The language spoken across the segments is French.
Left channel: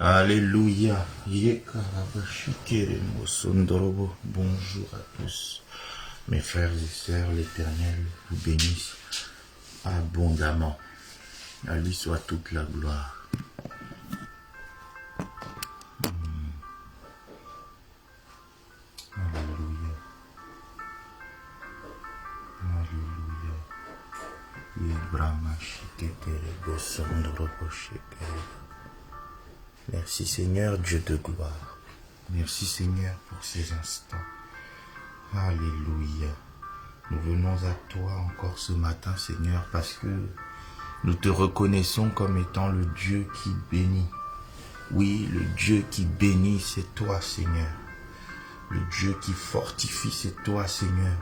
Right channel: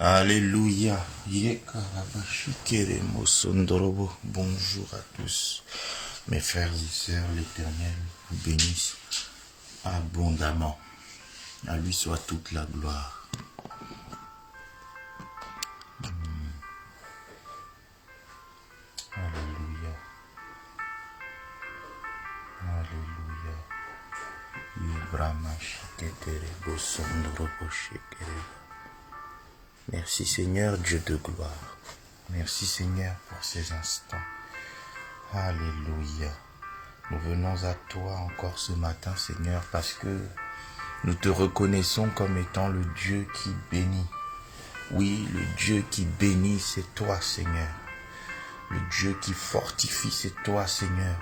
Alléluia. Bonjour à tous. Mes frères et sœurs, l'Éternel vous bénisse abondamment. À lui soit toute la gloire. Alléluia. Alléluia. Merci Seigneur, Dieu de gloire. Merci Seigneur pour ces instants. Alléluia. Nous venons à toi encore ce matin, Seigneur, parce que nous te reconnaissons comme étant le Dieu qui bénit. Oui, le Dieu qui bénit, c'est toi, Seigneur. Le Dieu qui fortifie, c'est toi, Seigneur.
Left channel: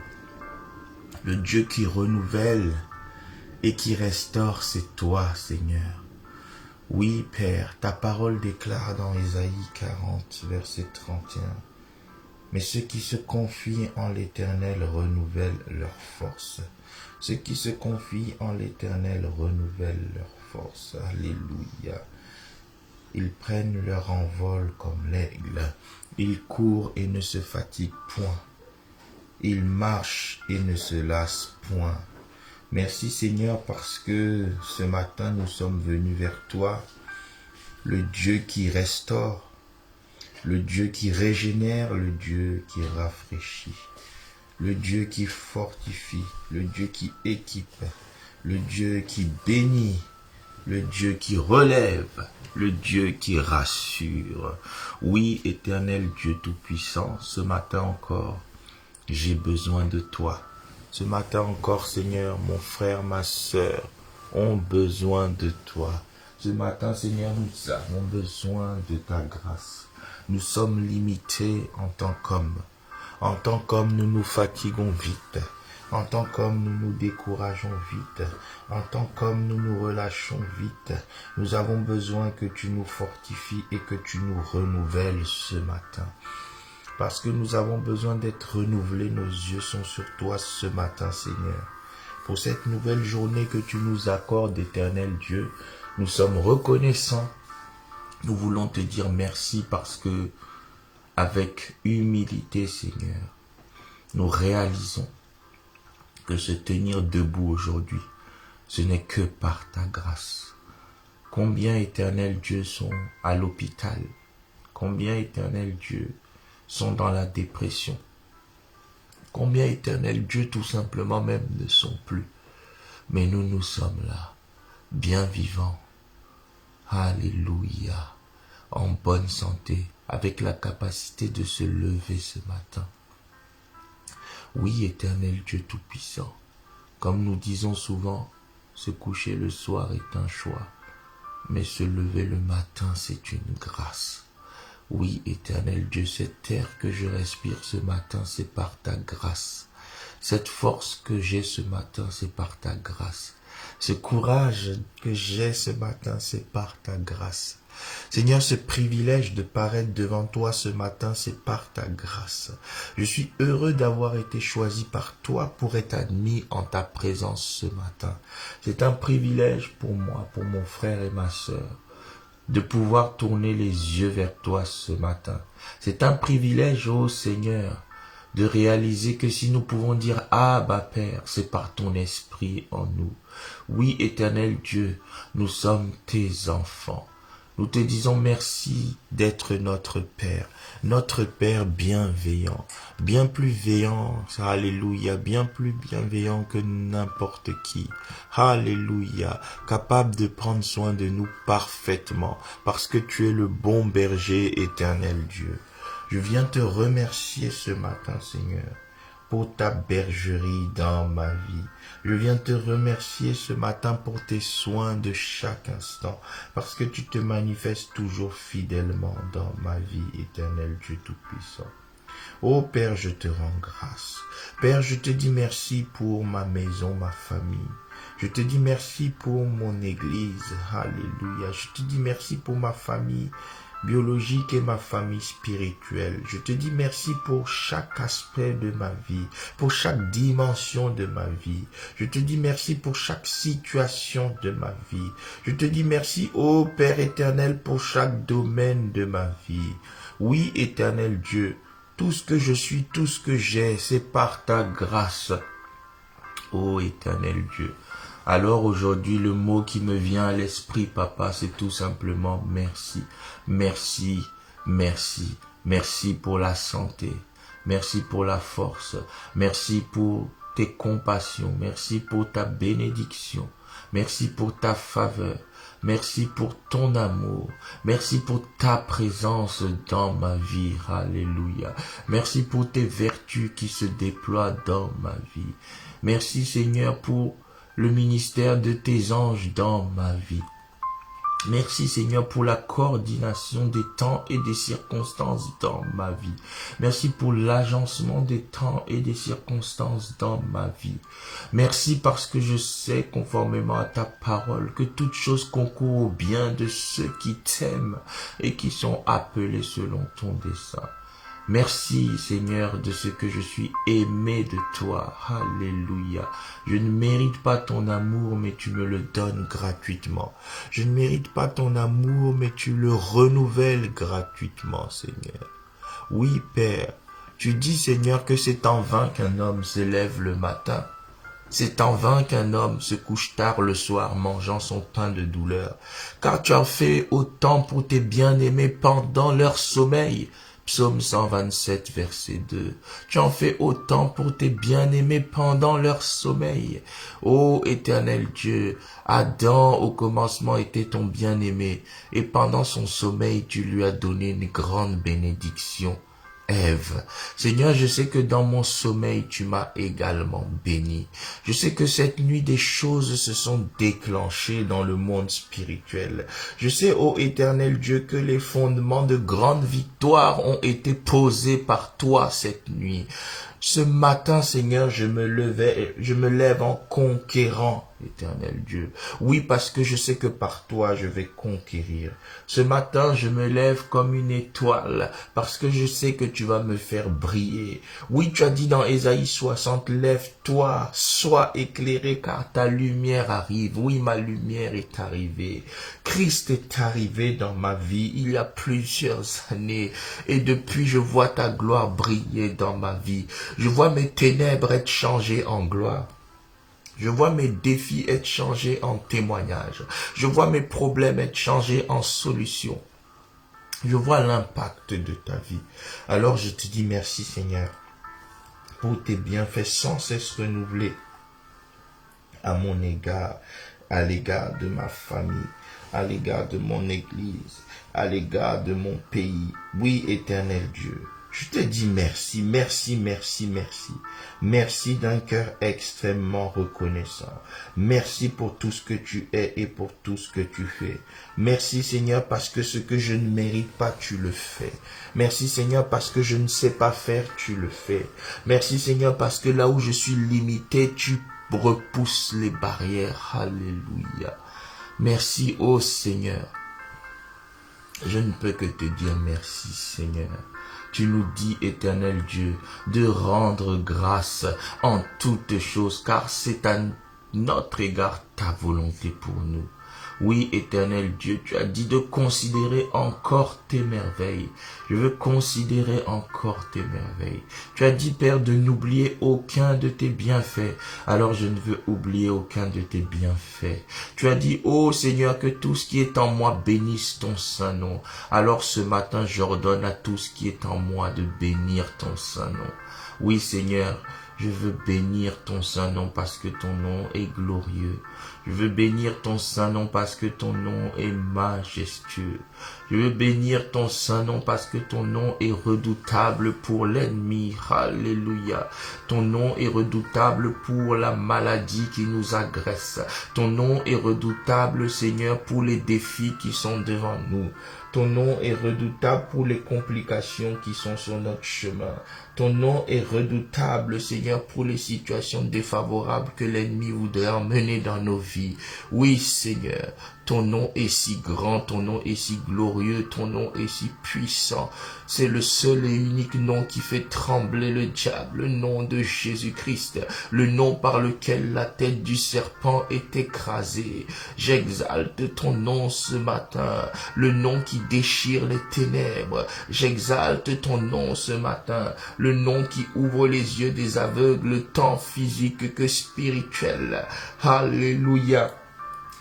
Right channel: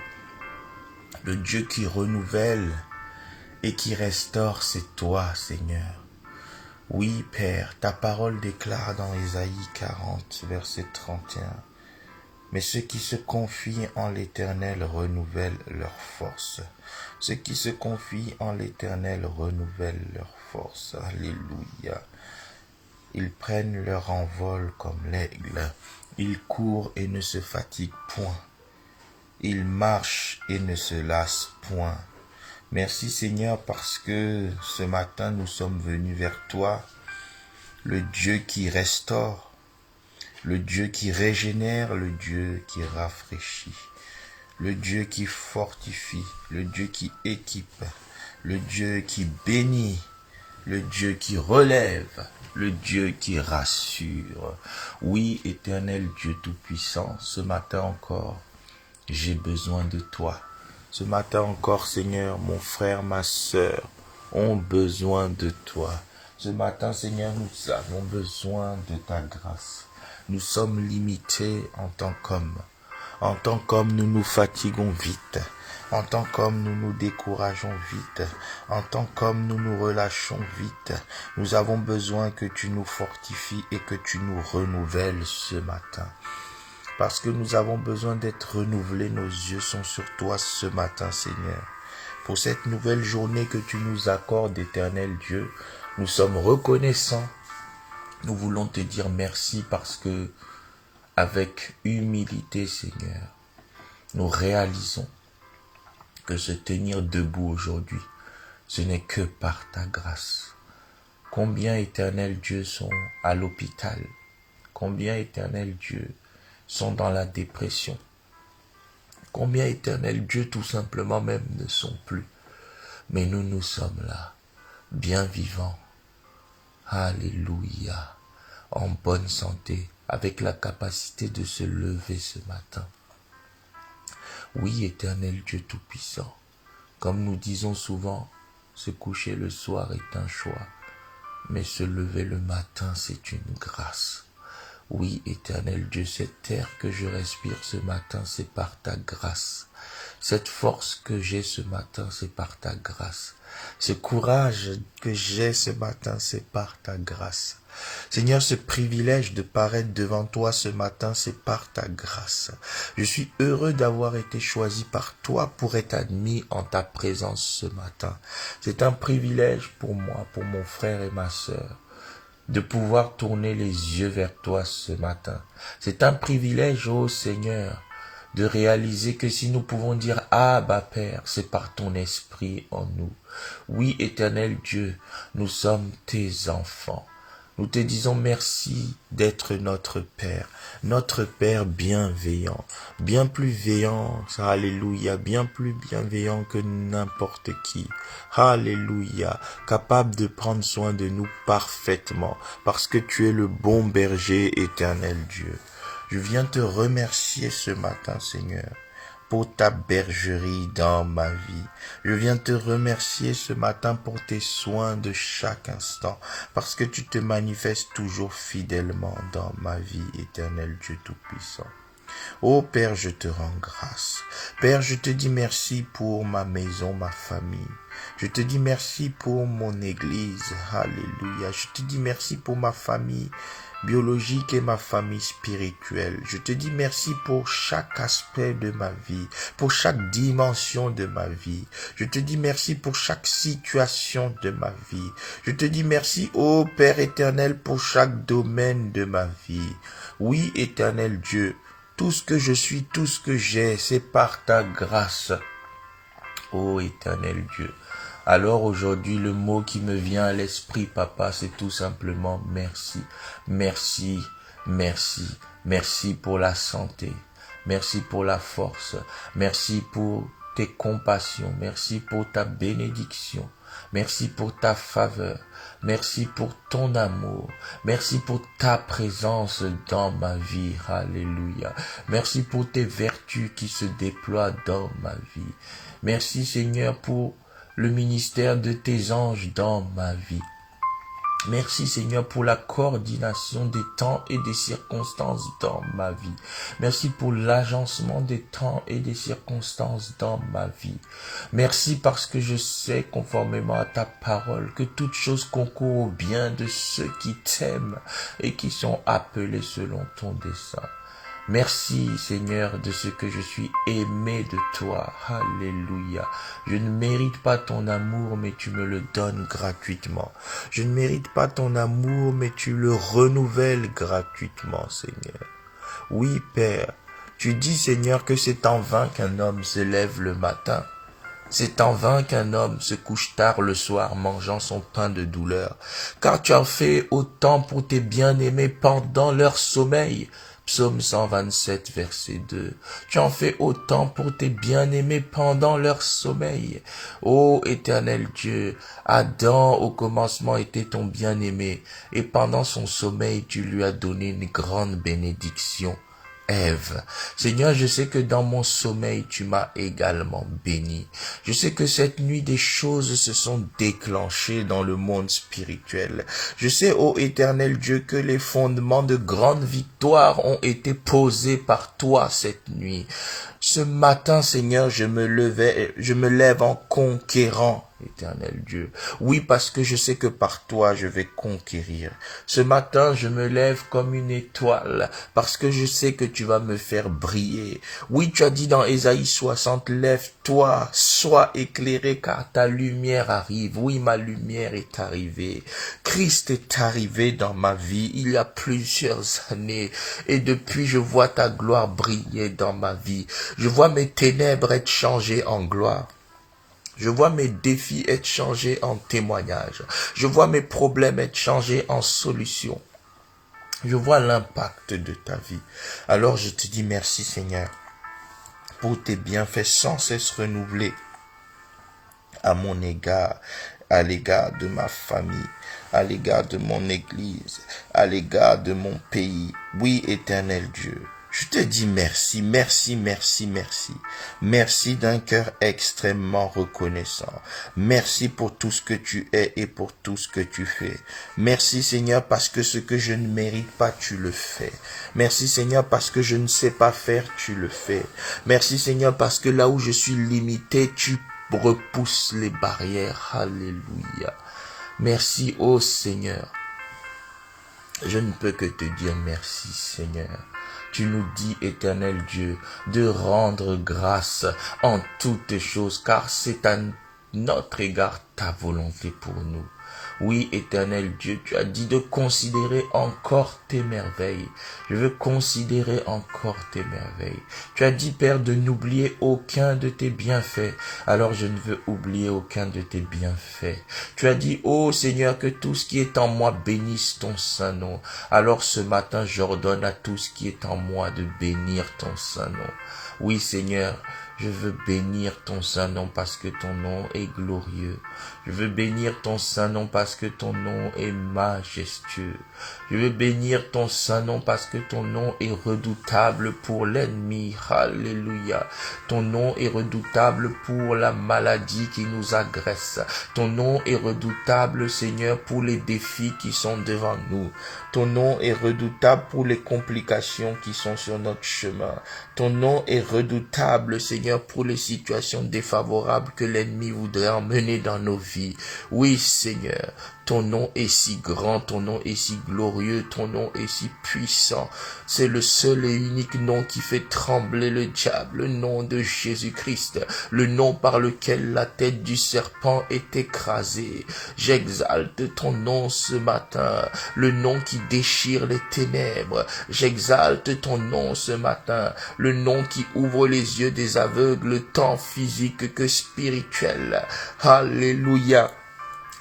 Le Dieu qui renouvelle et qui restaure, c'est toi, Seigneur. Oui, Père, ta parole déclare dans Ésaïe 40, verset 31. Mais ceux qui se confient en l'Éternel renouvellent leur force. Ceux qui se confient en l'Éternel renouvellent leur force. Alléluia. Ils prennent leur envol comme l'aigle. Ils courent et ne se fatiguent point. Ils marchent et ne se lassent point. Merci Seigneur parce que ce matin nous sommes venus vers toi, le Dieu qui restaure, le Dieu qui régénère, le Dieu qui rafraîchit, le Dieu qui fortifie, le Dieu qui équipe, le Dieu qui bénit, le Dieu qui relève, le Dieu qui rassure. Oui, éternel Dieu Tout-Puissant, ce matin encore, j'ai besoin de toi. Ce matin encore, Seigneur, mon frère, ma sœur ont besoin de toi. Ce matin, Seigneur, nous avons besoin de ta grâce. Nous sommes limités en tant qu'hommes. En tant qu'hommes, nous nous fatiguons vite. En tant qu'hommes, nous nous décourageons vite. En tant qu'hommes, nous nous relâchons vite. Nous avons besoin que tu nous fortifies et que tu nous renouvelles ce matin. Parce que nous avons besoin d'être renouvelés, nos yeux sont sur toi ce matin, Seigneur. Pour cette nouvelle journée que tu nous accordes, éternel Dieu, nous sommes reconnaissants. Nous voulons te dire merci parce que, avec humilité, Seigneur, nous réalisons que se tenir debout aujourd'hui, ce n'est que par ta grâce. Combien, éternel Dieu, sont à l'hôpital? Combien, éternel Dieu, sont dans la dépression? Combien, éternel Dieu, tout simplement même ne sont plus? Mais nous, nous sommes là, bien vivants. Alléluia. En bonne santé, avec la capacité de se lever ce matin. Oui, éternel Dieu Tout-Puissant, comme nous disons souvent, se coucher le soir est un choix, mais se lever le matin, c'est une grâce. Oui, éternel Dieu, cette air que je respire ce matin, c'est par ta grâce. Cette force que j'ai ce matin, c'est par ta grâce. Ce courage que j'ai ce matin, c'est par ta grâce. Seigneur, ce privilège de paraître devant toi ce matin, c'est par ta grâce. Je suis heureux d'avoir été choisi par toi pour être admis en ta présence ce matin. C'est un privilège pour moi, pour mon frère et ma sœur, de pouvoir tourner les yeux vers toi ce matin. C'est un privilège, ô Seigneur, de réaliser que si nous pouvons dire « Abba Père », c'est par ton esprit en nous. Oui, éternel Dieu, nous sommes tes enfants. Nous te disons merci d'être notre Père bienveillant, bien plus veillant, alléluia, bien plus bienveillant que n'importe qui, alléluia, capable de prendre soin de nous parfaitement, parce que tu es le bon berger, éternel Dieu. Je viens te remercier ce matin, Seigneur, pour ta bergerie dans ma vie. Je viens te remercier ce matin pour tes soins de chaque instant, parce que tu te manifestes toujours fidèlement dans ma vie, éternel Dieu Tout-Puissant. Ô Père, je te rends grâce. Père, je te dis merci pour ma maison, ma famille. Je te dis merci pour mon église. Alléluia. Je te dis merci pour ma famille biologique et ma famille spirituelle. Je te dis merci pour chaque aspect de ma vie, pour chaque dimension de ma vie. Je te dis merci pour chaque situation de ma vie. Je te dis merci, ô Père éternel, pour chaque domaine de ma vie. Oui, éternel Dieu, tout ce que je suis, tout ce que j'ai, c'est par ta grâce. Ô éternel Dieu. Alors aujourd'hui, le mot qui me vient à l'esprit, papa, c'est tout simplement merci. Merci, merci, merci pour la santé. Merci pour la force. Merci pour tes compassions. Merci pour ta bénédiction. Merci pour ta faveur. Merci pour ton amour. Merci pour ta présence dans ma vie. Alléluia. Merci pour tes vertus qui se déploient dans ma vie. Merci Seigneur pour le ministère de tes anges dans ma vie. Merci Seigneur pour la coordination des temps et des circonstances dans ma vie. Merci pour l'agencement des temps et des circonstances dans ma vie. Merci parce que je sais, conformément à ta parole, que toute chose concourt au bien de ceux qui t'aiment et qui sont appelés selon ton dessein. Merci Seigneur de ce que je suis aimé de toi. Alléluia. Je ne mérite pas ton amour, mais tu me le donnes gratuitement. Je ne mérite pas ton amour, mais tu le renouvelles gratuitement, Seigneur. Oui, Père, tu dis, Seigneur, que c'est en vain qu'un homme se lève le matin. C'est en vain qu'un homme se couche tard le soir mangeant son pain de douleur. Car tu as fait autant pour tes bien-aimés pendant leur sommeil. Psaume 127, verset 2. Tu en fais autant pour tes bien-aimés pendant leur sommeil. Ô éternel Dieu, Adam au commencement était ton bien-aimé, et pendant son sommeil tu lui as donné une grande bénédiction. Ève. Seigneur, je sais que dans mon sommeil, tu m'as également béni. Je sais que cette nuit, des choses se sont déclenchées dans le monde spirituel. Je sais, ô éternel Dieu, que les fondements de grandes victoires ont été posés par toi cette nuit. Ce matin, Seigneur, je me lève en conquérant, éternel Dieu. Oui, parce que je sais que par toi, je vais conquérir. Ce matin, je me lève comme une étoile, parce que je sais que tu vas me faire briller. Oui, tu as dit dans Ésaïe 60, lève-toi, sois éclairé, car ta lumière arrive. Oui, ma lumière est arrivée. Christ est arrivé dans ma vie il y a plusieurs années, et depuis, je vois ta gloire briller dans ma vie. Je vois mes ténèbres être changées en gloire. Je vois mes défis être changés en témoignages. Je vois mes problèmes être changés en solutions. Je vois l'impact de ta vie. Alors je te dis merci Seigneur pour tes bienfaits sans cesse renouvelés à mon égard, à l'égard de ma famille, à l'égard de mon église, à l'égard de mon pays. Oui, éternel Dieu. Je te dis merci, merci, merci, merci. Merci d'un cœur extrêmement reconnaissant. Merci pour tout ce que tu es et pour tout ce que tu fais. Merci Seigneur parce que ce que je ne mérite pas, tu le fais. Merci Seigneur parce que je ne sais pas faire, tu le fais. Merci Seigneur parce que là où je suis limité, tu repousses les barrières. Alléluia. Merci ô Seigneur. Je ne peux que te dire merci Seigneur. Tu nous dis, éternel Dieu, de rendre grâce en toutes choses, car c'est à notre égard ta volonté pour nous. Oui, éternel Dieu, tu as dit de considérer encore tes merveilles. Je veux considérer encore tes merveilles. Tu as dit, Père, de n'oublier aucun de tes bienfaits. Alors je ne veux oublier aucun de tes bienfaits. Tu as dit, ô Seigneur, que tout ce qui est en moi bénisse ton saint nom. Alors ce matin, j'ordonne à tout ce qui est en moi de bénir ton saint nom. Oui, Seigneur, je veux bénir ton saint nom parce que ton nom est glorieux. Je veux bénir ton saint nom parce que ton nom est majestueux. Je veux bénir ton saint nom parce que ton nom est redoutable pour l'ennemi. Alléluia. Ton nom est redoutable pour la maladie qui nous agresse. Ton nom est redoutable, Seigneur, pour les défis qui sont devant nous. Ton nom est redoutable pour les complications qui sont sur notre chemin. Ton nom est redoutable, Seigneur, pour les situations défavorables que l'ennemi voudrait emmener dans nos vies. Oui, Seigneur, ton nom est si grand, ton nom est si glorieux, ton nom est si puissant. C'est le seul et unique nom qui fait trembler le diable, le nom de Jésus-Christ, le nom par lequel la tête du serpent est écrasée. J'exalte ton nom ce matin, le nom qui déchire les ténèbres. J'exalte ton nom ce matin, le nom qui ouvre les yeux des aveugles, tant physiques que spirituels. Alléluia.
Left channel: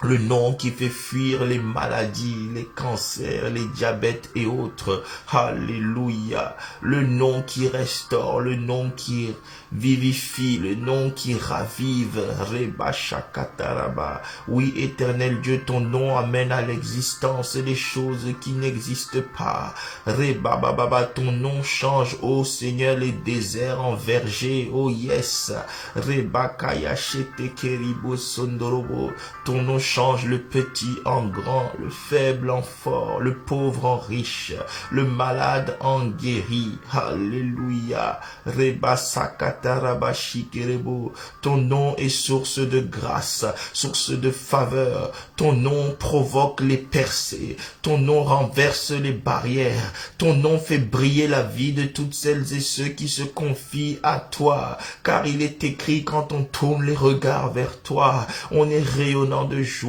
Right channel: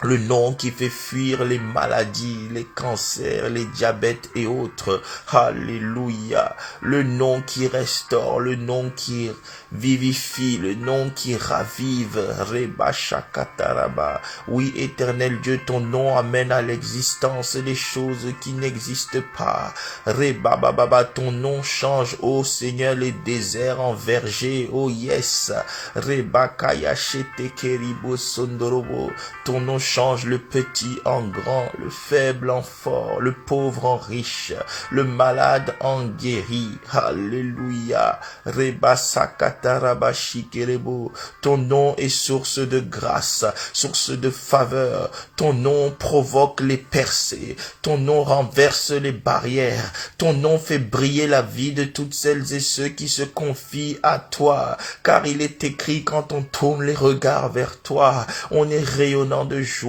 Le nom qui fait fuir les maladies, les cancers, les diabètes et autres. Alléluia. Le nom qui restaure, le nom qui vivifie, le nom qui ravive. Reba Shakataraba. Oui, éternel Dieu, ton nom amène à l'existence des choses qui n'existent pas. Reba Baba, ton nom change, ô Seigneur, les déserts en verger. Oh yes. Reba Kaya Shete Keribo Sondorobo. Ton nom change le petit en grand, le faible en fort, le pauvre en riche, le malade en guéri. Alléluia. Reba Sakataraba Shikerebo. Ton nom est source de grâce, source de faveur. Ton nom provoque les percées. Ton nom renverse les barrières. Ton nom fait briller la vie de toutes celles et ceux qui se confient à toi. Car il est écrit, quand on tourne les regards vers toi, on est rayonnant de joie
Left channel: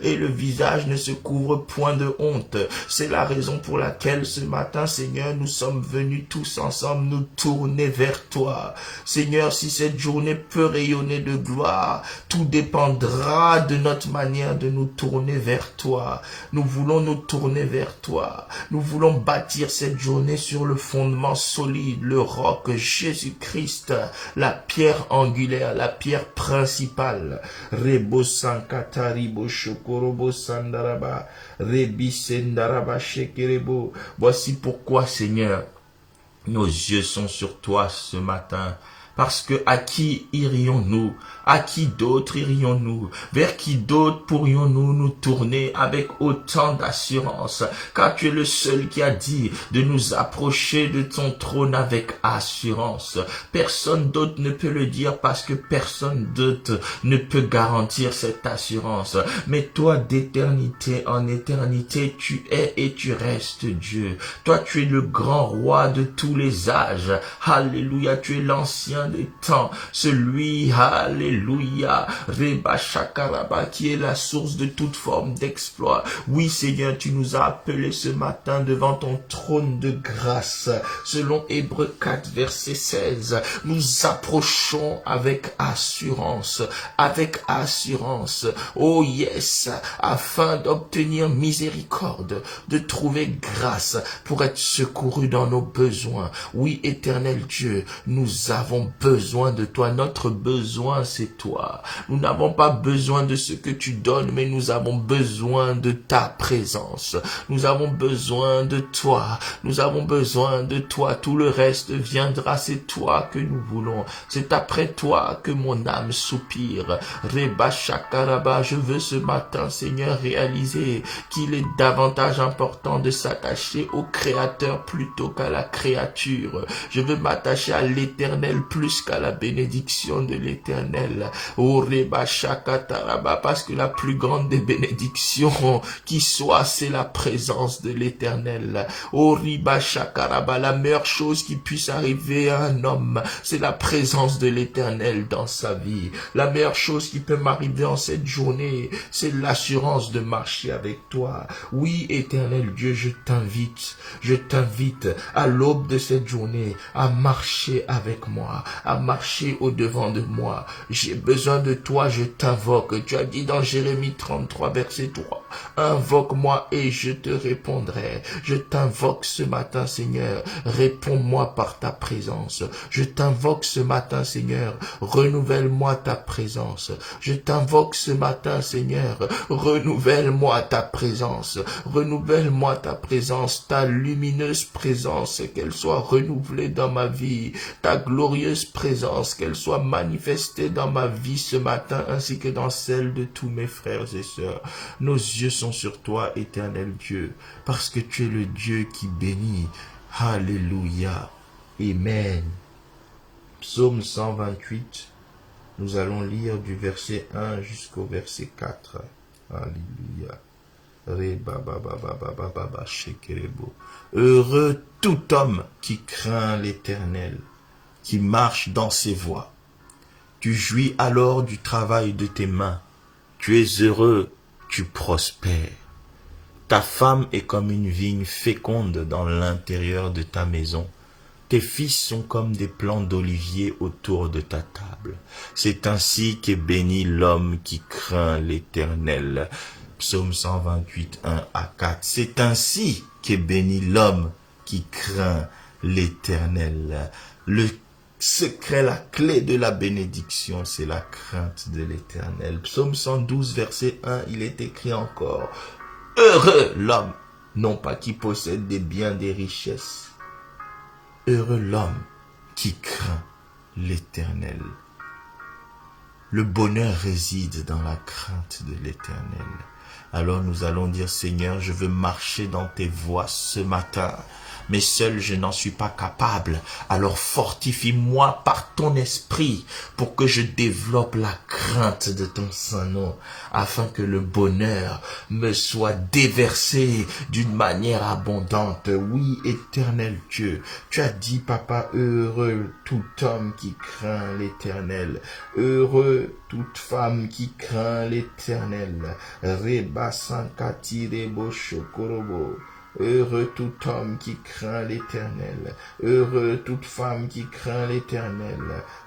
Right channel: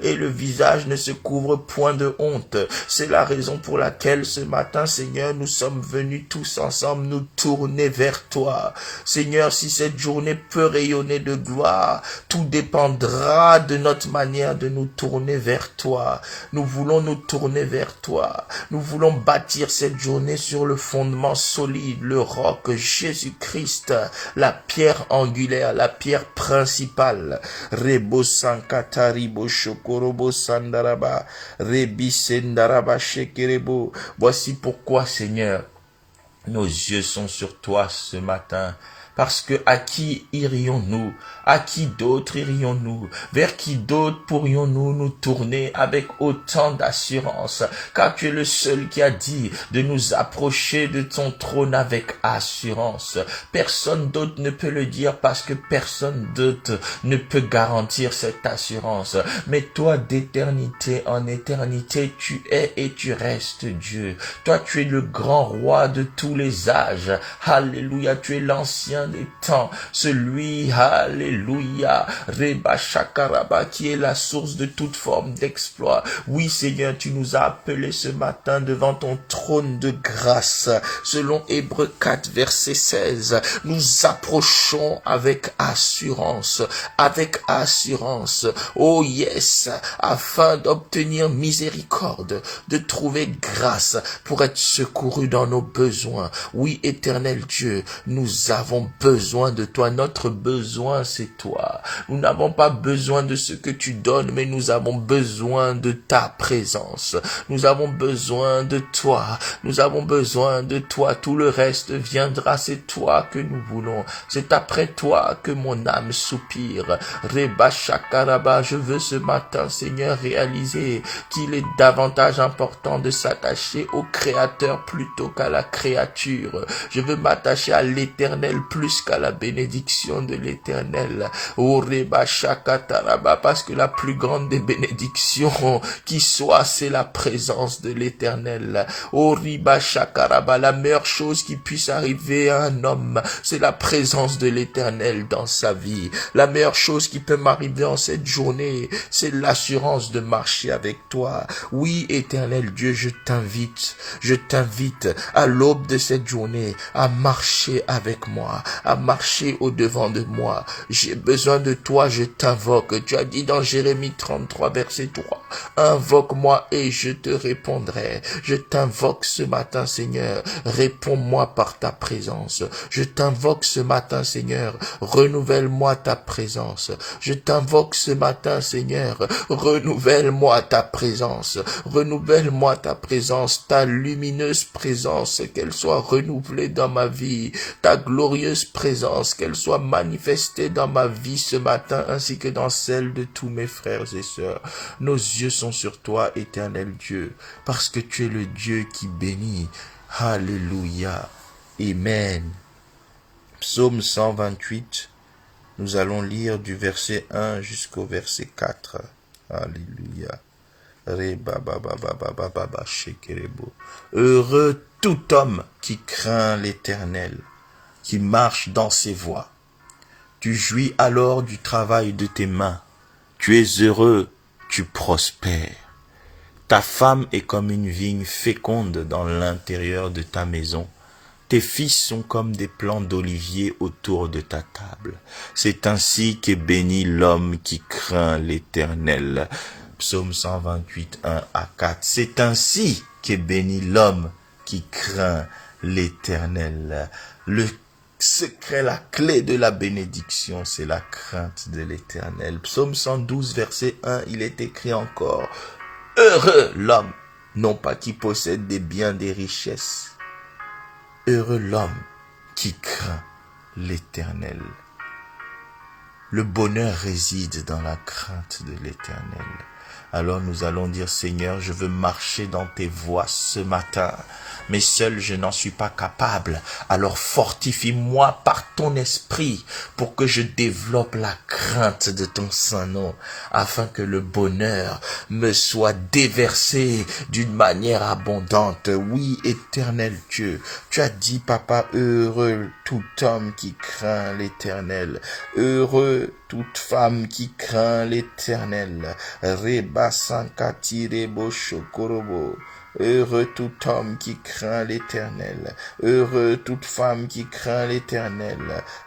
et le visage ne se couvre point de honte. C'est la raison pour laquelle ce matin, Seigneur, nous sommes venus tous ensemble nous tourner vers toi. Seigneur, si cette journée peut rayonner de gloire, tout dépendra de notre manière de nous tourner vers toi. Nous voulons nous tourner vers toi. Nous voulons bâtir cette journée sur le fondement solide, le roc Jésus-Christ, la pierre angulaire, la pierre principale. Rebo Sankatari Shokorobo Sandaraba, Rebi Sendaraba Shekerebo. Voici pourquoi, Seigneur, nos yeux sont sur toi ce matin. Parce que à qui irions-nous? À qui d'autre irions-nous? Vers qui d'autre pourrions-nous nous tourner avec autant d'assurance? Car tu es le seul qui a dit de nous approcher de ton trône avec assurance. Personne d'autre ne peut le dire parce que personne d'autre ne peut garantir cette assurance. Mais toi, d'éternité en éternité, tu es et tu restes Dieu. Toi, tu es le grand roi de tous les âges. Alléluia, tu es l'ancien des temps, celui, alléluia, Reba Shakaraba, qui est la source de toute forme d'exploit. Oui, Seigneur, tu nous as appelés ce matin devant ton trône de grâce. Selon Hébreux 4, verset 16, nous approchons avec assurance, oh yes, afin d'obtenir miséricorde, de trouver grâce pour être secourus dans nos besoins. Oui, éternel Dieu, nous avons besoin de toi. Notre besoin, c'est toi. Nous n'avons pas besoin de ce que tu donnes, mais nous avons besoin de ta présence. Nous avons besoin de toi. Nous avons besoin de toi. Tout le reste viendra. C'est toi que nous voulons. C'est après toi que mon âme soupire. Reba Shakaraba, je veux ce matin, Seigneur, réaliser qu'il est davantage important de s'attacher au Créateur plutôt qu'à la créature. Je veux m'attacher à l'Éternel plus qu'à la bénédiction de l'Éternel. Oh, Reba Shakataraba, parce que la plus grande des bénédictions qui soit, c'est la présence de l'Éternel. Oh, Reba Shakaraba, la meilleure chose qui puisse arriver à un homme, c'est la présence de l'Éternel dans sa vie. La meilleure chose qui peut m'arriver en cette journée, c'est l'assurance de marcher avec toi. Oui, Éternel Dieu, je t'invite à l'aube de cette journée à marcher avec moi, à marcher au-devant de moi. J'ai besoin de toi, je t'invoque. Tu as dit dans Jérémie 33, verset 3, invoque-moi et je te répondrai. Je t'invoque ce matin, Seigneur, réponds-moi par ta présence. Je t'invoque ce matin, Seigneur, renouvelle-moi ta présence. Je t'invoque ce matin, Seigneur, renouvelle-moi ta présence. Renouvelle-moi ta présence, ta lumineuse présence, qu'elle soit renouvelée dans ma vie, ta glorieuse présence, qu'elle soit manifestée dans ma vie ce matin, ainsi que dans celle de tous mes frères et sœurs. Nos yeux sont sur toi, éternel Dieu, parce que tu es le Dieu qui bénit. Alléluia. Amen. Psaume 128, nous allons lire du verset 1 jusqu'au verset 4. Alléluia. Heureux tout homme qui craint l'Éternel, qui marche dans ses voies. Tu jouis alors du travail de tes mains. Tu es heureux, tu prospères. Ta femme est comme une vigne féconde dans l'intérieur de ta maison. Tes fils sont comme des plants d'olivier autour de ta table. C'est ainsi qu'est béni l'homme qui craint l'Éternel. Psaume 128, 1 à 4. C'est ainsi qu'est béni l'homme qui craint l'Éternel. Le secret, la clé de la bénédiction, c'est la crainte de l'Éternel. Psaume 112, verset 1, il est écrit encore, heureux l'homme, non pas qui possède des biens, des richesses. Heureux l'homme qui craint l'Éternel. Le bonheur réside dans la crainte de l'Éternel. Alors nous allons dire, Seigneur, je veux marcher dans tes voies ce matin. Mais seul je n'en suis pas capable. Alors fortifie-moi par ton esprit pour que je développe la crainte de ton saint nom, afin que le bonheur me soit déversé d'une manière abondante. Oui, éternel Dieu, tu as dit, Papa, heureux tout homme qui craint l'Éternel, heureux toute femme qui craint l'Éternel. Reba sankati rebo shokorobo. Heureux tout homme qui craint l'Éternel. Heureux toute femme qui craint l'Éternel.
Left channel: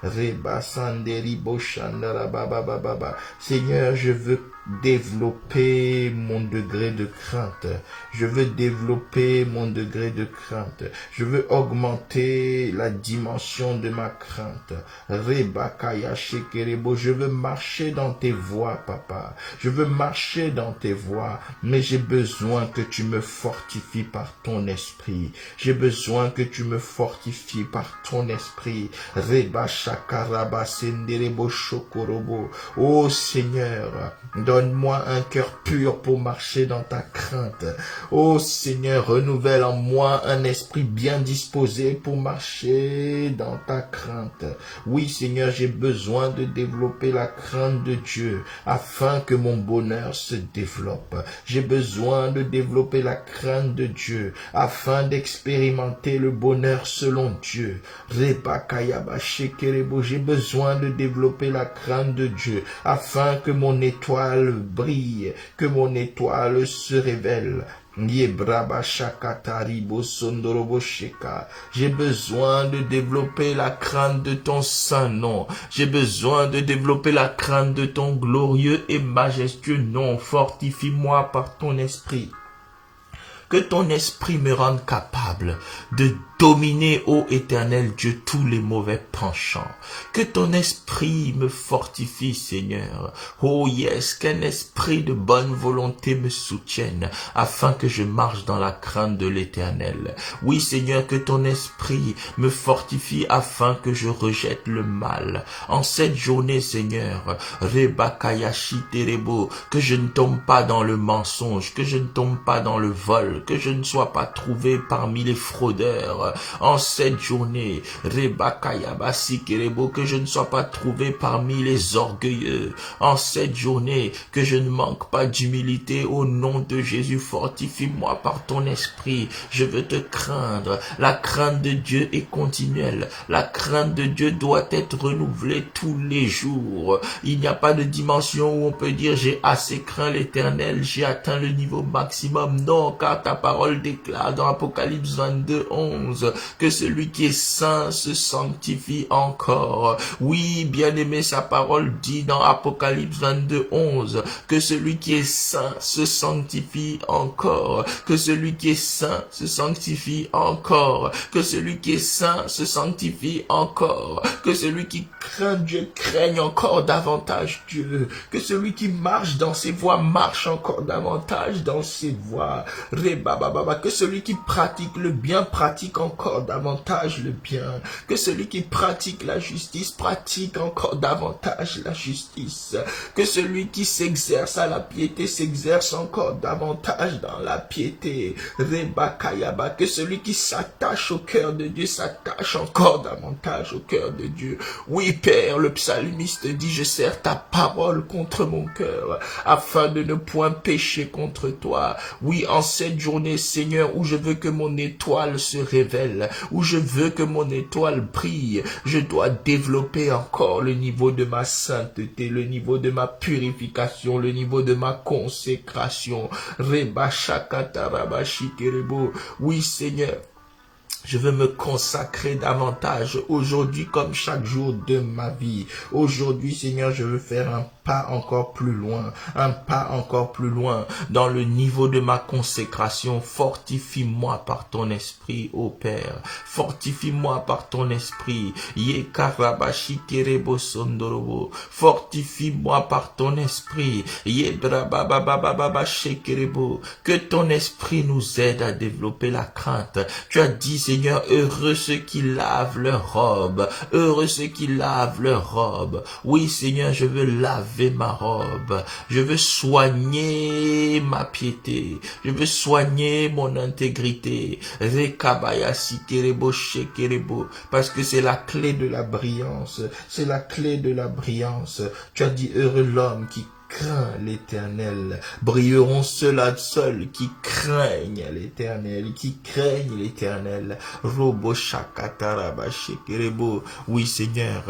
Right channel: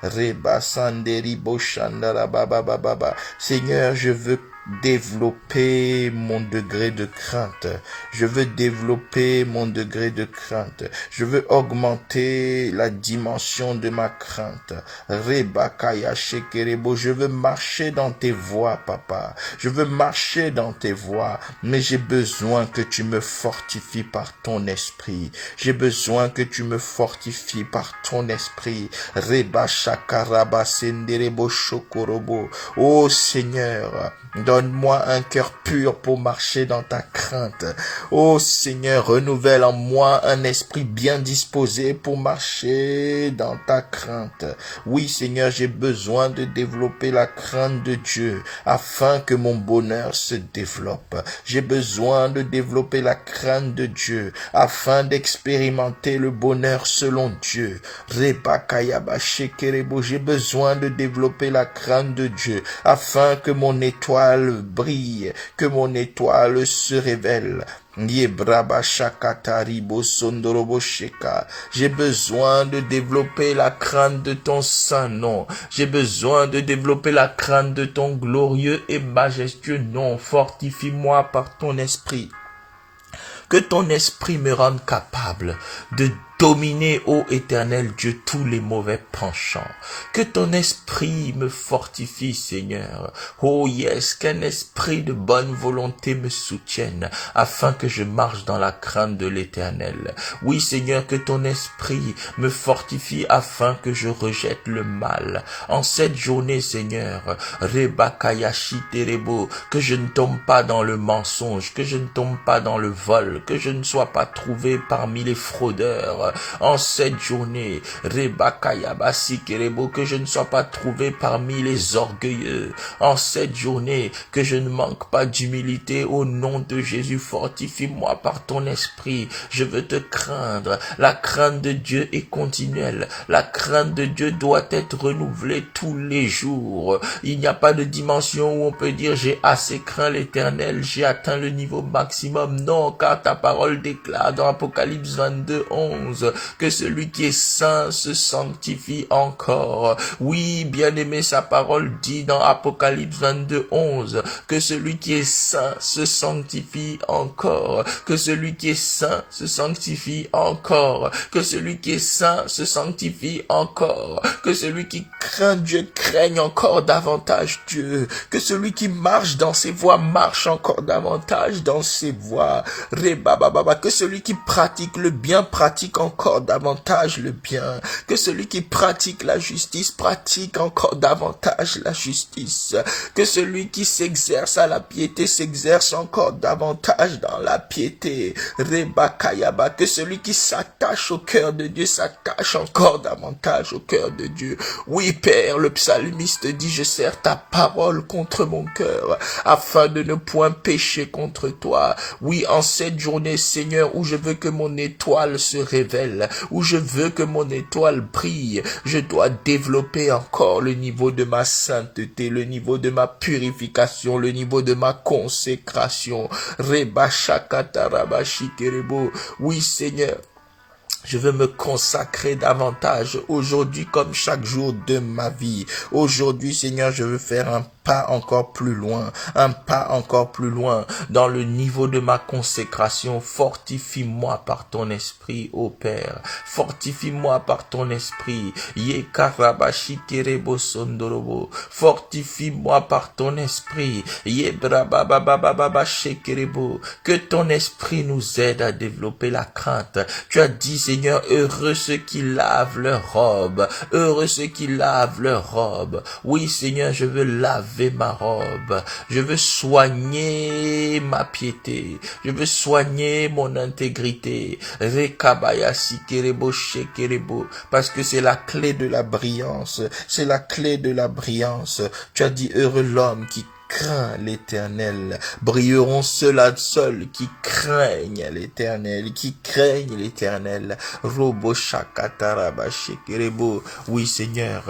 Reba sanderi boshandara baba baba. Seigneur, je veux développer mon degré de crainte. Je veux développer mon degré de crainte. Je veux augmenter la dimension de ma crainte. Reba kaya shekerebo. Je veux marcher dans tes voies, Papa. Je veux marcher dans tes voies, mais j'ai besoin que tu me fortifies par ton esprit. J'ai besoin que tu me fortifies par ton esprit. Reba shakaraba senderebo shokorobo. Oh Seigneur, donne-moi un cœur pur pour marcher dans ta crainte. Oh Seigneur, renouvelle en moi un esprit bien disposé pour marcher dans ta crainte. Oui Seigneur, j'ai besoin de développer la crainte de Dieu afin que mon bonheur se développe. J'ai besoin de développer la crainte de Dieu afin d'expérimenter le bonheur selon Dieu. J'ai besoin de développer la crainte de Dieu afin que mon étoile brille, que mon étoile se révèle. J'ai besoin de développer la crainte de ton saint nom. J'ai besoin de développer la crainte de ton glorieux et majestueux nom. Fortifie-moi par ton esprit. Que ton esprit me rende capable de dominer, ô éternel Dieu, tous les mauvais penchants. Que ton esprit me fortifie, Seigneur. Oh yes, qu'un esprit de bonne volonté me soutienne, afin que je marche dans la crainte de l'Éternel. Oui, Seigneur, que ton esprit me fortifie, afin que je rejette le mal. En cette journée, Seigneur, Rebakayashi Terebo, que je ne tombe pas dans le mensonge, que je ne tombe pas dans le vol, que je ne sois pas trouvé parmi les fraudeurs. En cette journée, Rebakayabasi Kerebo, que je ne sois pas trouvé parmi les orgueilleux. En cette journée, que je ne manque pas d'humilité. Au nom de Jésus, fortifie-moi par ton esprit. Je veux te craindre. La crainte de Dieu est continuelle. La crainte de Dieu doit être renouvelée tous les jours. Il n'y a pas de dimension où on peut dire j'ai assez craint l'Éternel, j'ai atteint le niveau maximum. Non, car ta parole déclare dans Apocalypse 22, 11 11. Que celui qui est saint se sanctifie encore. Oui, bien-aimé, sa parole dit dans Apocalypse 22, 11, que celui qui est saint se sanctifie encore. Que celui qui est saint se sanctifie encore. Que celui qui est saint se sanctifie encore. Que celui qui craint Dieu craigne encore davantage Dieu. Que celui qui marche dans ses voies marche encore davantage dans ses voies. Que celui qui pratique le bien pratique encore davantage le bien. Que celui qui pratique la justice pratique encore davantage la justice. Que celui qui s'exerce à la piété s'exerce encore davantage dans la piété. Que celui qui s'attache au cœur de Dieu s'attache encore davantage au cœur de Dieu. Oui, Père, le psalmiste dit, je serre ta parole contre mon cœur, afin de ne point pécher contre toi. Oui, en cette journée, Seigneur, où je veux que mon étoile se révèle, où je veux que mon étoile brille, je dois développer encore le niveau de ma sainteté, le niveau de ma purification, le niveau de ma consécration. Oui, Seigneur, je veux me consacrer davantage aujourd'hui comme chaque jour de ma vie. Aujourd'hui, Seigneur, je veux faire un pas encore plus loin dans le niveau de ma consécration. Fortifie-moi par ton esprit, ô Père. Fortifie-moi par ton esprit. Fortifie-moi par ton esprit. Que ton esprit nous aide à développer la crainte. Tu as dit, Seigneur, heureux ceux qui lavent leur robe. Heureux ceux qui lavent leur robe. Oui, Seigneur, je veux laver ma robe. Je veux soigner ma piété. Je veux soigner mon intégrité. Parce que c'est la clé de la brillance. C'est la clé de la brillance. Tu as dit, heureux l'homme qui craint l'Éternel. Brilleront ceux-là seuls qui craignent l'Éternel, qui craignent l'Éternel. Oui, Seigneur,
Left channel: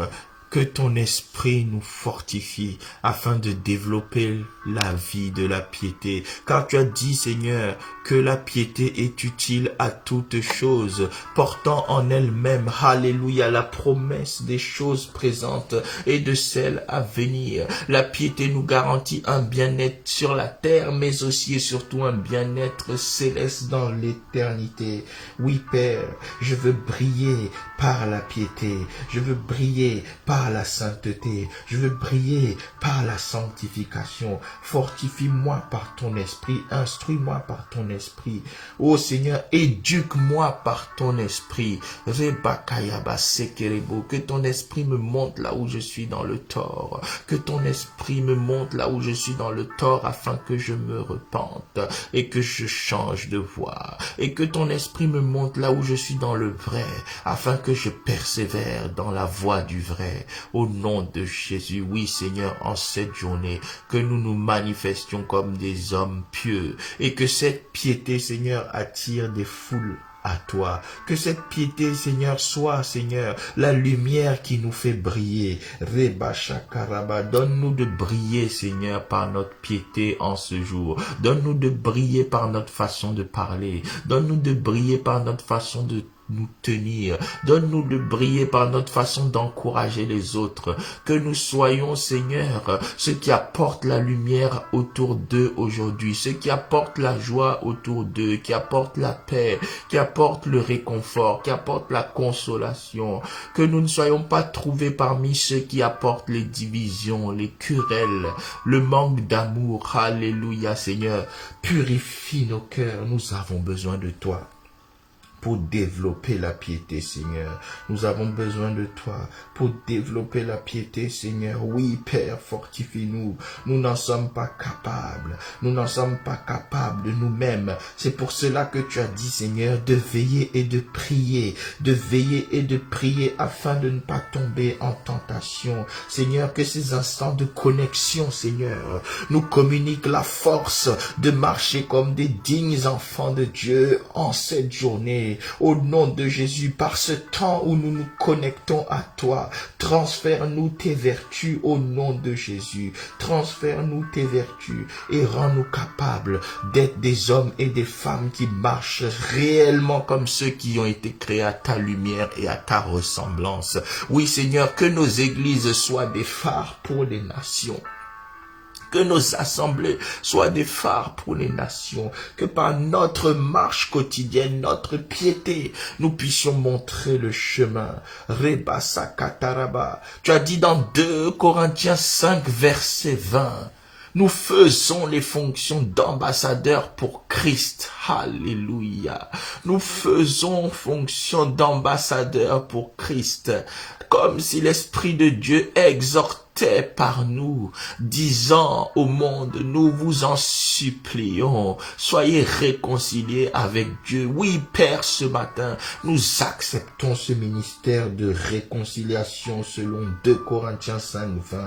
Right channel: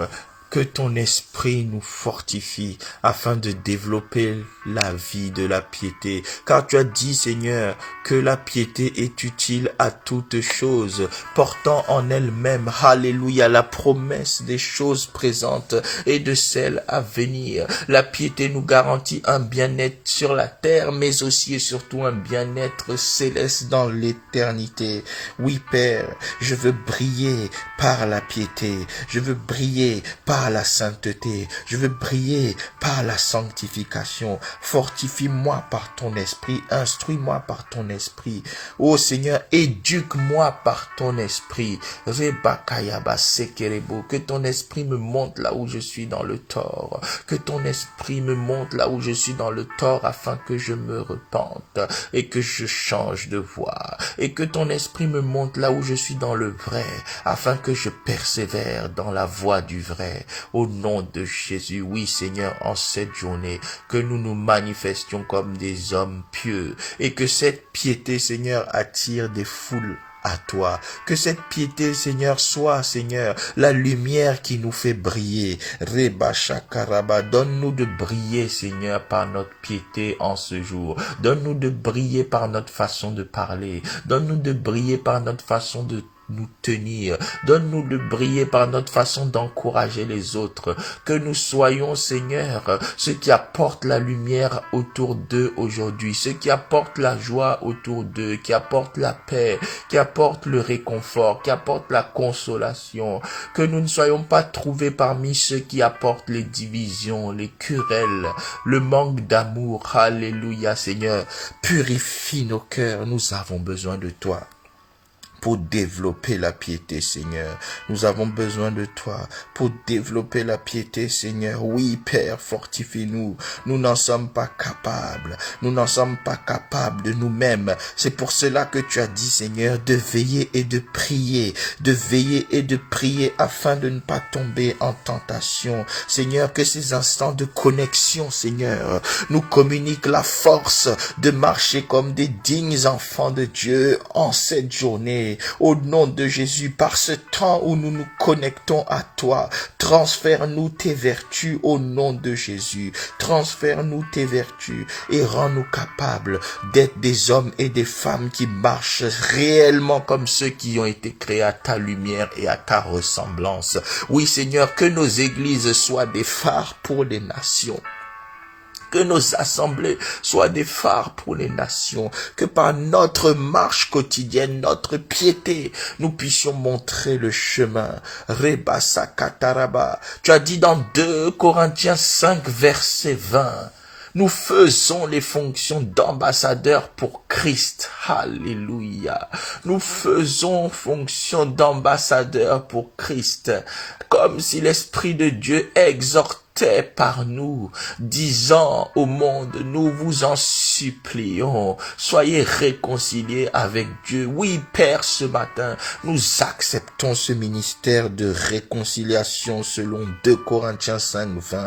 que ton esprit nous fortifie afin de développer la vie de la piété. Car tu as dit, Seigneur, que la piété est utile à toutes choses, portant en elle-même, alléluia, la promesse des choses présentes et de celles à venir. La piété nous garantit un bien-être sur la terre, mais aussi et surtout un bien-être céleste dans l'éternité. Oui, Père, je veux briller par la piété. Je veux briller par la sainteté. Je veux briller par la sanctification. Fortifie-moi par ton esprit. Instruis-moi par ton esprit. Ô Seigneur, éduque-moi par ton esprit. Que ton esprit me montre là où je suis dans le tort. Que ton esprit me montre là où je suis dans le tort afin que je me repente et que je change de voie. Et que ton esprit me montre là où je suis dans le vrai afin que je persévère dans la voie du vrai. Au nom de Jésus, oui Seigneur, en cette journée, que nous nous manifestions comme des hommes pieux et que cette piété, Seigneur, attire des foules à toi. Que cette piété, Seigneur, soit, Seigneur, la lumière qui nous fait briller. Reba Shakaraba, donne-nous de briller, Seigneur, par notre piété en ce jour. Donne-nous de briller par notre façon de parler. Donne-nous de briller par notre façon de nous tenir. Donne-nous de briller par notre façon d'encourager les autres. Que nous soyons, Seigneur, ceux qui apportent la lumière autour d'eux aujourd'hui, ceux qui apportent la joie autour d'eux, qui apportent la paix, qui apportent le réconfort, qui apportent la consolation. Que nous ne soyons pas trouvés parmi ceux qui apportent les divisions, les querelles, le manque d'amour. Alléluia, Seigneur. Purifie nos cœurs. Nous avons besoin de toi pour développer la piété, Seigneur. Nous avons besoin de toi pour développer la piété, Seigneur. Oui, Père, fortifie-nous. Nous n'en sommes pas capables. Nous n'en sommes pas capables de nous-mêmes. C'est pour cela que tu as dit, Seigneur, de veiller et de prier. De veiller et de prier afin de ne pas tomber en tentation. Seigneur, que ces instants de connexion, Seigneur, nous communiquent la force de marcher comme des dignes enfants de Dieu en cette journée. bien-aimé, au nom de Jésus, par ce temps où nous nous connectons à toi, transfère-nous tes vertus au nom de Jésus. Transfère-nous tes vertus et rends-nous capables d'être des hommes et des femmes qui marchent réellement comme ceux qui ont été créés à ta lumière et à ta ressemblance. Oui, Seigneur, que nos églises soient des phares pour les nations. Que nos assemblées soient des phares pour les nations. Que par notre marche quotidienne, notre piété, nous puissions montrer le chemin. Rebasa kataraba. Tu as dit dans 2 Corinthiens 5, verset 20. Nous faisons les fonctions d'ambassadeurs pour Christ. Alléluia. Nous faisons fonction d'ambassadeurs pour Christ. Comme si l'Esprit de Dieu exhortait par nous, disant au monde, nous vous en supplions, soyez réconciliés avec Dieu. Oui, Père, ce matin, nous acceptons ce ministère de réconciliation selon 2 Corinthiens 5, 20.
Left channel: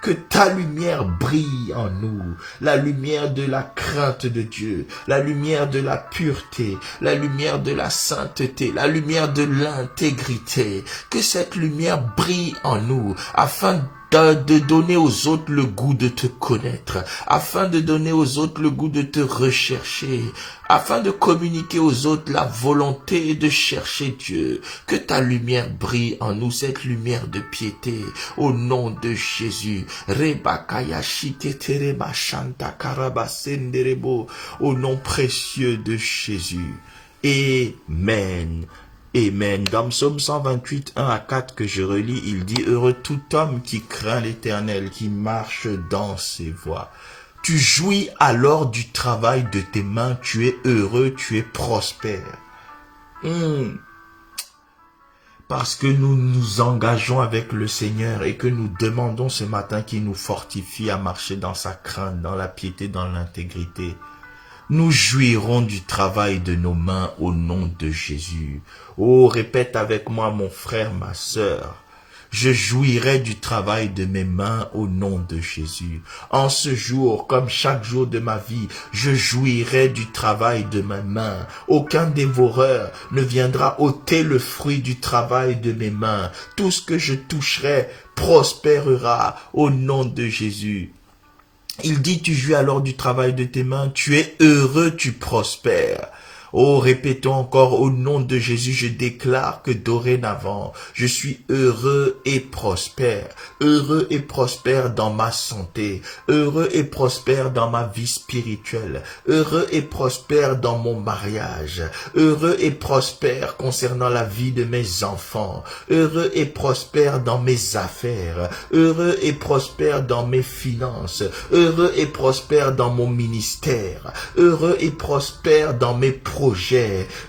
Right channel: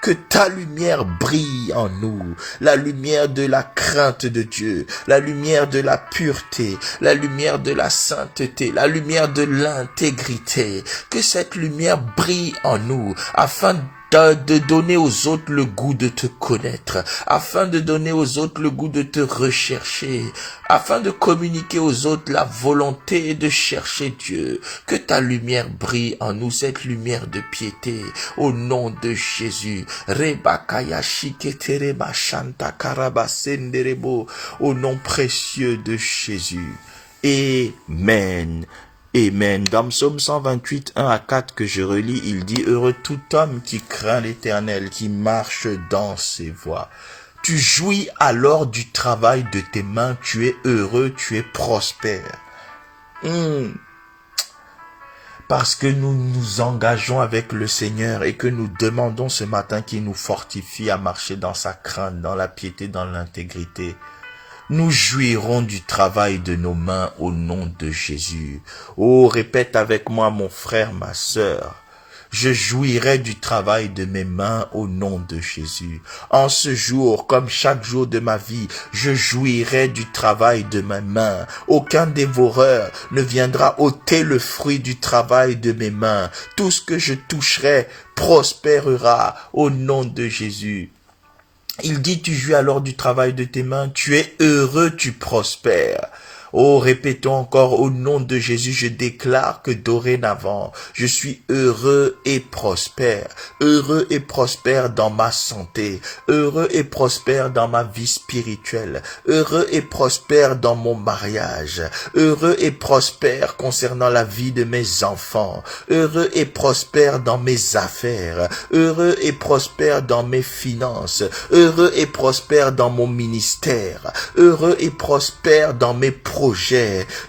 Que ta lumière brille en nous, la lumière de la crainte de Dieu, la lumière de la pureté, la lumière de la sainteté, la lumière de l'intégrité. Que cette lumière brille en nous, afin de donner aux autres le goût de te connaître, afin de donner aux autres le goût de te rechercher, afin de communiquer aux autres la volonté de chercher Dieu. Que ta lumière brille en nous, cette lumière de piété, au nom de Jésus. Au nom précieux de Jésus. Amen. Amen. Dans Psaume 128, 1 à 4 que je relis, il dit « Heureux tout homme qui craint l'Éternel, qui marche dans ses voies. Tu jouis alors du travail de tes mains, tu es heureux, tu es prospère. » Parce que nous nous engageons avec le Seigneur et que nous demandons ce matin qu'il nous fortifie à marcher dans sa crainte, dans la piété, dans l'intégrité. Nous jouirons du travail de nos mains au nom de Jésus. Oh, répète avec moi, mon frère, ma sœur. Je jouirai du travail de mes mains au nom de Jésus. En ce jour, comme chaque jour de ma vie, je jouirai du travail de mes mains. Aucun dévoreur ne viendra ôter le fruit du travail de mes mains. Tout ce que je toucherai prospérera au nom de Jésus. Il dit, tu jouis alors du travail de tes mains, tu es heureux, tu prospères. Oh, répétons encore, au nom de Jésus, je déclare que dorénavant, je suis heureux et prospère dans ma santé, heureux et prospère dans ma vie spirituelle, heureux et prospère dans mon mariage, heureux et prospère concernant la vie de mes enfants, heureux et prospère dans mes affaires, heureux et prospère dans mes finances, heureux et prospère dans mon ministère, heureux et prospère dans mes projets,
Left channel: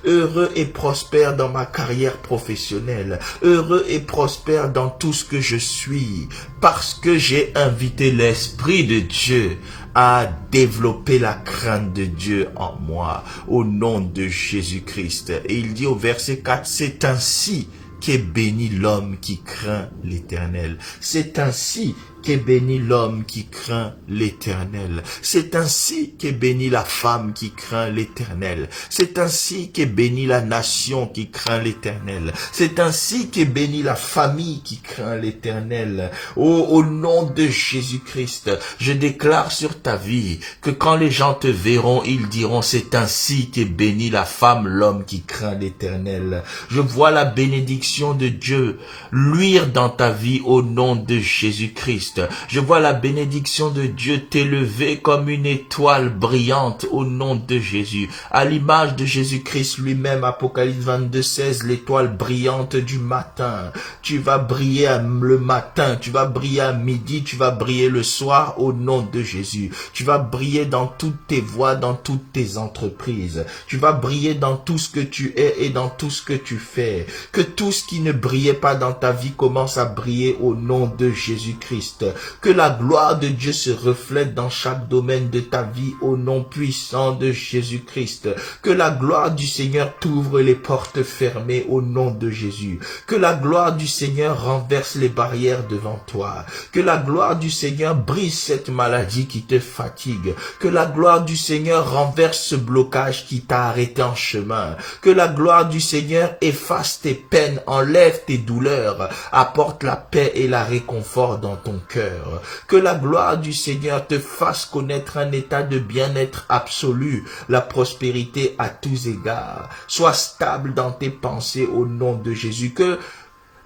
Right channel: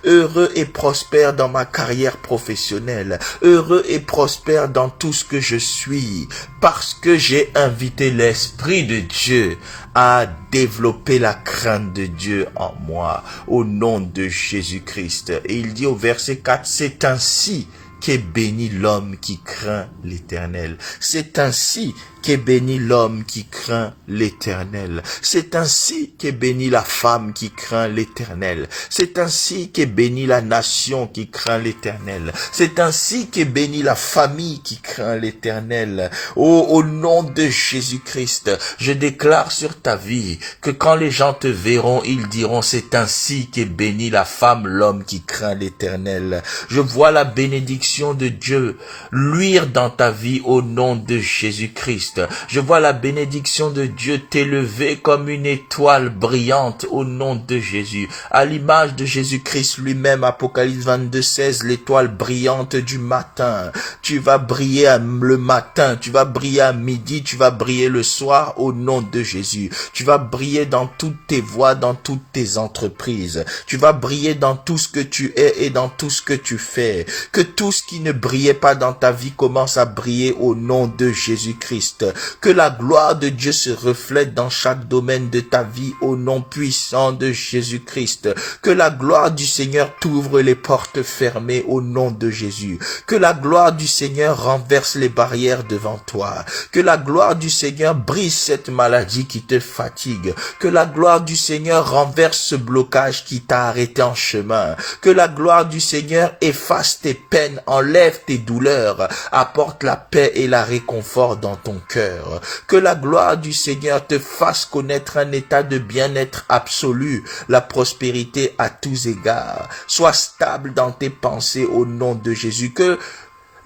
heureux et prospère dans ma carrière professionnelle, heureux et prospère dans tout ce que je suis, parce que j'ai invité l'Esprit de Dieu à développer la crainte de Dieu en moi, au nom de Jésus-Christ. Et il dit au verset 4, c'est ainsi qu'est béni l'homme qui craint l'Éternel. C'est ainsi qu'est béni l'homme qui craint l'Éternel. C'est ainsi qu'est bénie la femme qui craint l'Éternel. C'est ainsi qu'est bénie la nation qui craint l'Éternel. C'est ainsi qu'est bénie la famille qui craint l'Éternel. Oh, au nom de Jésus-Christ, je déclare sur ta vie que quand les gens te verront, ils diront c'est ainsi qu'est bénie la femme, l'homme qui craint l'Éternel. Je vois la bénédiction de Dieu luire dans ta vie au nom de Jésus-Christ. Je vois la bénédiction de Dieu t'élever comme une étoile brillante au nom de Jésus. À l'image de Jésus-Christ lui-même, Apocalypse 22, 16, l'étoile brillante du matin. Tu vas briller le matin, tu vas briller à midi, tu vas briller le soir au nom de Jésus. Tu vas briller dans toutes tes voies, dans toutes tes entreprises. Tu vas briller dans tout ce que tu es et dans tout ce que tu fais. Que tout ce qui ne brillait pas dans ta vie commence à briller au nom de Jésus-Christ. Christ. Que la gloire de Dieu se reflète dans chaque domaine de ta vie au nom puissant de Jésus-Christ. Que la gloire du Seigneur t'ouvre les portes fermées au nom de Jésus. Que la gloire du Seigneur renverse les barrières devant toi. Que la gloire du Seigneur brise cette maladie qui te fatigue. Que la gloire du Seigneur renverse ce blocage qui t'a arrêté en chemin. Que la gloire du Seigneur efface tes peines, enlève tes douleurs, apporte la paix et la réconfort dans ton cœur. Que la gloire du Seigneur te fasse connaître un état de bien-être absolu, la prospérité à tous égards. Sois stable dans tes pensées au nom de Jésus. Que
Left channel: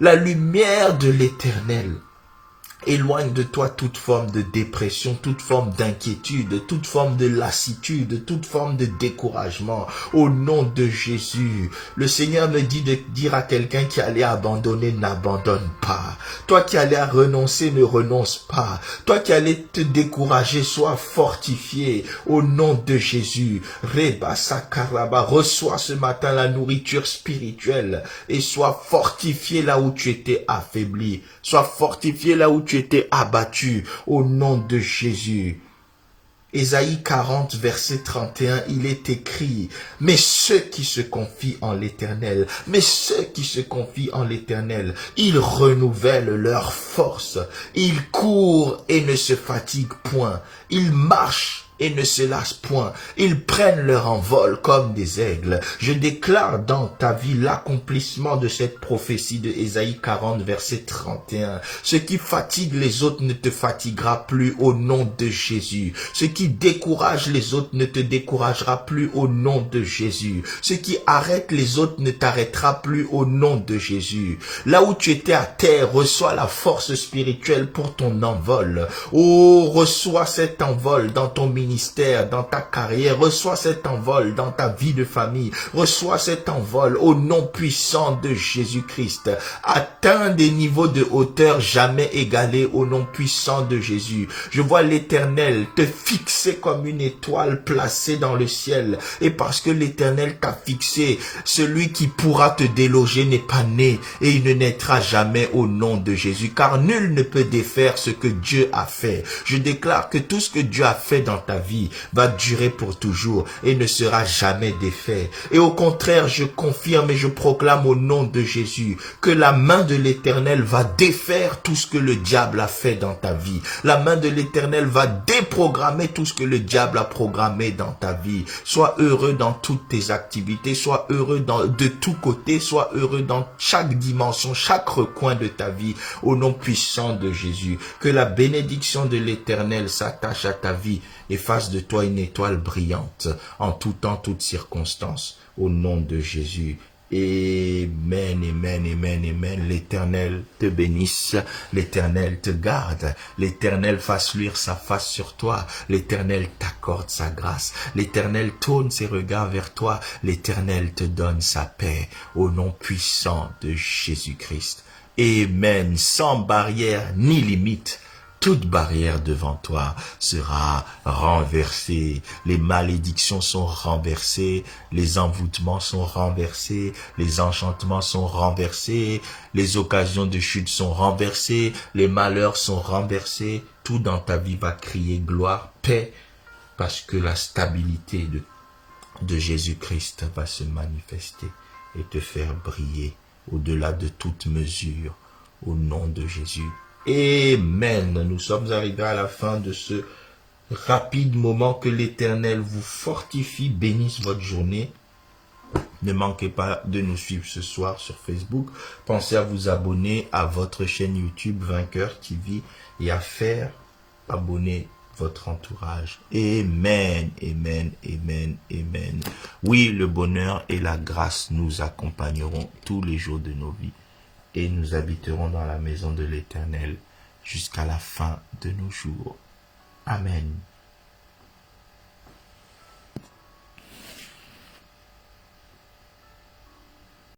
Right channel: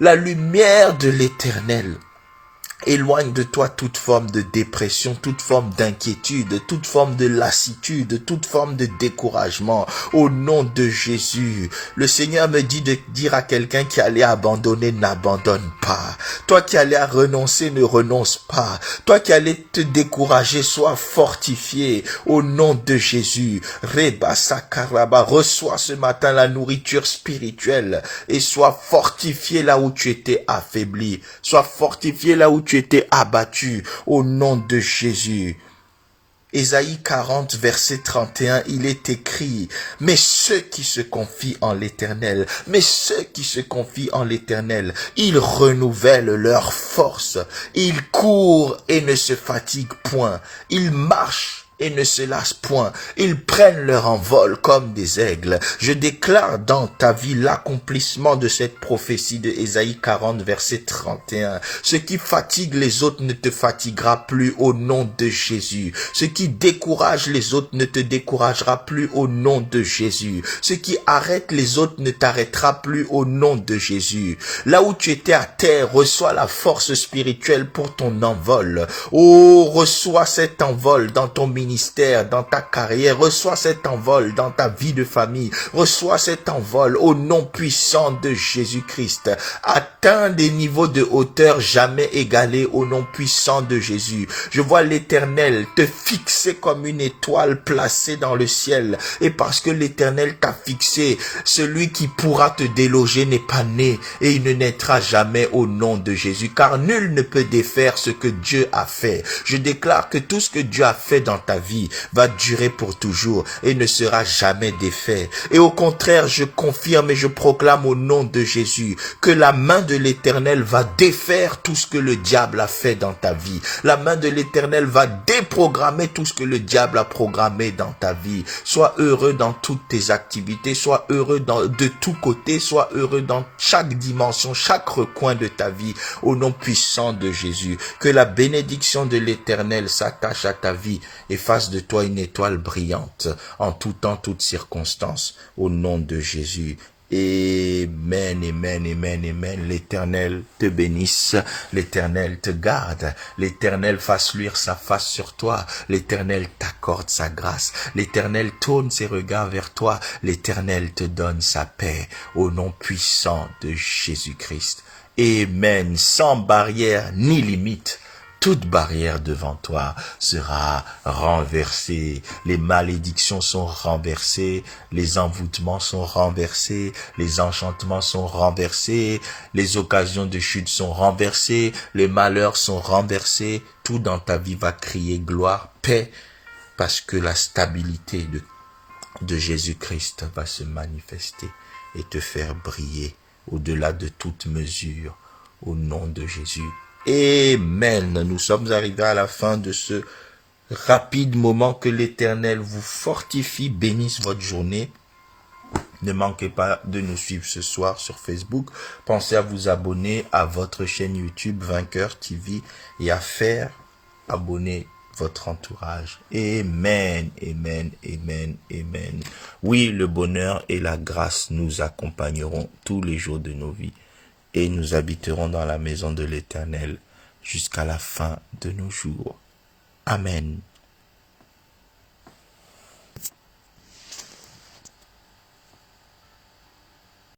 la lumière de l'Éternel éloigne de toi toute forme de dépression, toute forme d'inquiétude, toute forme de lassitude, toute forme de découragement. Au nom de Jésus, le Seigneur me dit de dire à quelqu'un qui allait abandonner, n'abandonne pas. Toi qui allais renoncer, ne renonce pas. Toi qui allais te décourager, sois fortifié. Au nom de Jésus, Reba Sakaraba, reçois ce matin la nourriture spirituelle et sois fortifié là où tu étais affaibli. Sois fortifié là où tu étais abattu au nom de Jésus. Ésaïe 40, verset 31, il est écrit, « Mais ceux qui se confient en l'Éternel, ils renouvellent leur force, ils courent et ne se fatiguent point, ils marchent et ne se lassent point. Ils prennent leur envol comme des aigles. » Je déclare dans ta vie l'accomplissement de cette prophétie de Ésaïe 40, verset 31. Ce qui fatigue les autres ne te fatiguera plus au nom de Jésus. Ce qui décourage les autres ne te découragera plus au nom de Jésus. Ce qui arrête les autres ne t'arrêtera plus au nom de Jésus. Là où tu étais à terre, reçois la force spirituelle pour ton envol. Oh, reçois cet envol dans ton ministère, dans ta carrière, reçois cet envol dans ta vie de famille, reçois cet envol au nom puissant de Jésus-Christ. Atteins des niveaux de hauteur jamais égalés au nom puissant de Jésus. Je vois l'Éternel te fixer comme une étoile placée dans le ciel, et parce que l'Éternel t'a fixé, celui qui pourra te déloger n'est pas né, et il ne naîtra jamais au nom de Jésus, car nul ne peut défaire ce que Dieu a fait. Je déclare que tout ce que Dieu a fait dans ta vie va durer pour toujours et ne sera jamais défait. Et au contraire, je confirme et je proclame au nom de Jésus que la main de l'Éternel va défaire tout ce que le diable a fait dans ta vie. La main de l'Éternel va déprogrammer tout ce que le diable a programmé dans ta vie. Sois heureux dans toutes tes activités, sois heureux de tous côtés, sois heureux dans chaque dimension, chaque recoin de ta vie, au nom puissant de Jésus. Que la bénédiction de l'Éternel s'attache à ta vie et fasse de toi une étoile brillante en tout temps, toutes circonstances, au nom de Jésus. Amen, amen, amen, amen. L'Éternel te bénisse, l'Éternel te garde, l'Éternel fasse luire sa face sur toi, l'Éternel t'accorde sa grâce, l'Éternel tourne ses regards vers toi, l'Éternel te donne sa paix, au nom puissant de Jésus-Christ. Amen, sans barrière ni limite. Toute barrière devant toi sera renversée. Les malédictions sont renversées, les envoûtements sont renversés, les enchantements sont renversés, les occasions de chute sont renversées, les malheurs sont renversés. Tout dans ta vie va crier gloire, paix, parce que la stabilité de Jésus-Christ va se manifester et te faire briller au-delà de toute mesure, au nom de Jésus. Amen. Nous sommes arrivés à la fin de ce rapide moment. Que l'Éternel vous fortifie, bénisse votre journée. Ne manquez pas de nous suivre ce soir sur Facebook. Pensez à vous abonner à votre chaîne YouTube Vainqueur TV et à faire abonner votre entourage. Amen, amen, amen, amen. Oui, le bonheur et la grâce nous accompagneront tous les jours de nos vies. Et nous habiterons dans la maison de l'Éternel jusqu'à la fin de nos jours. Amen.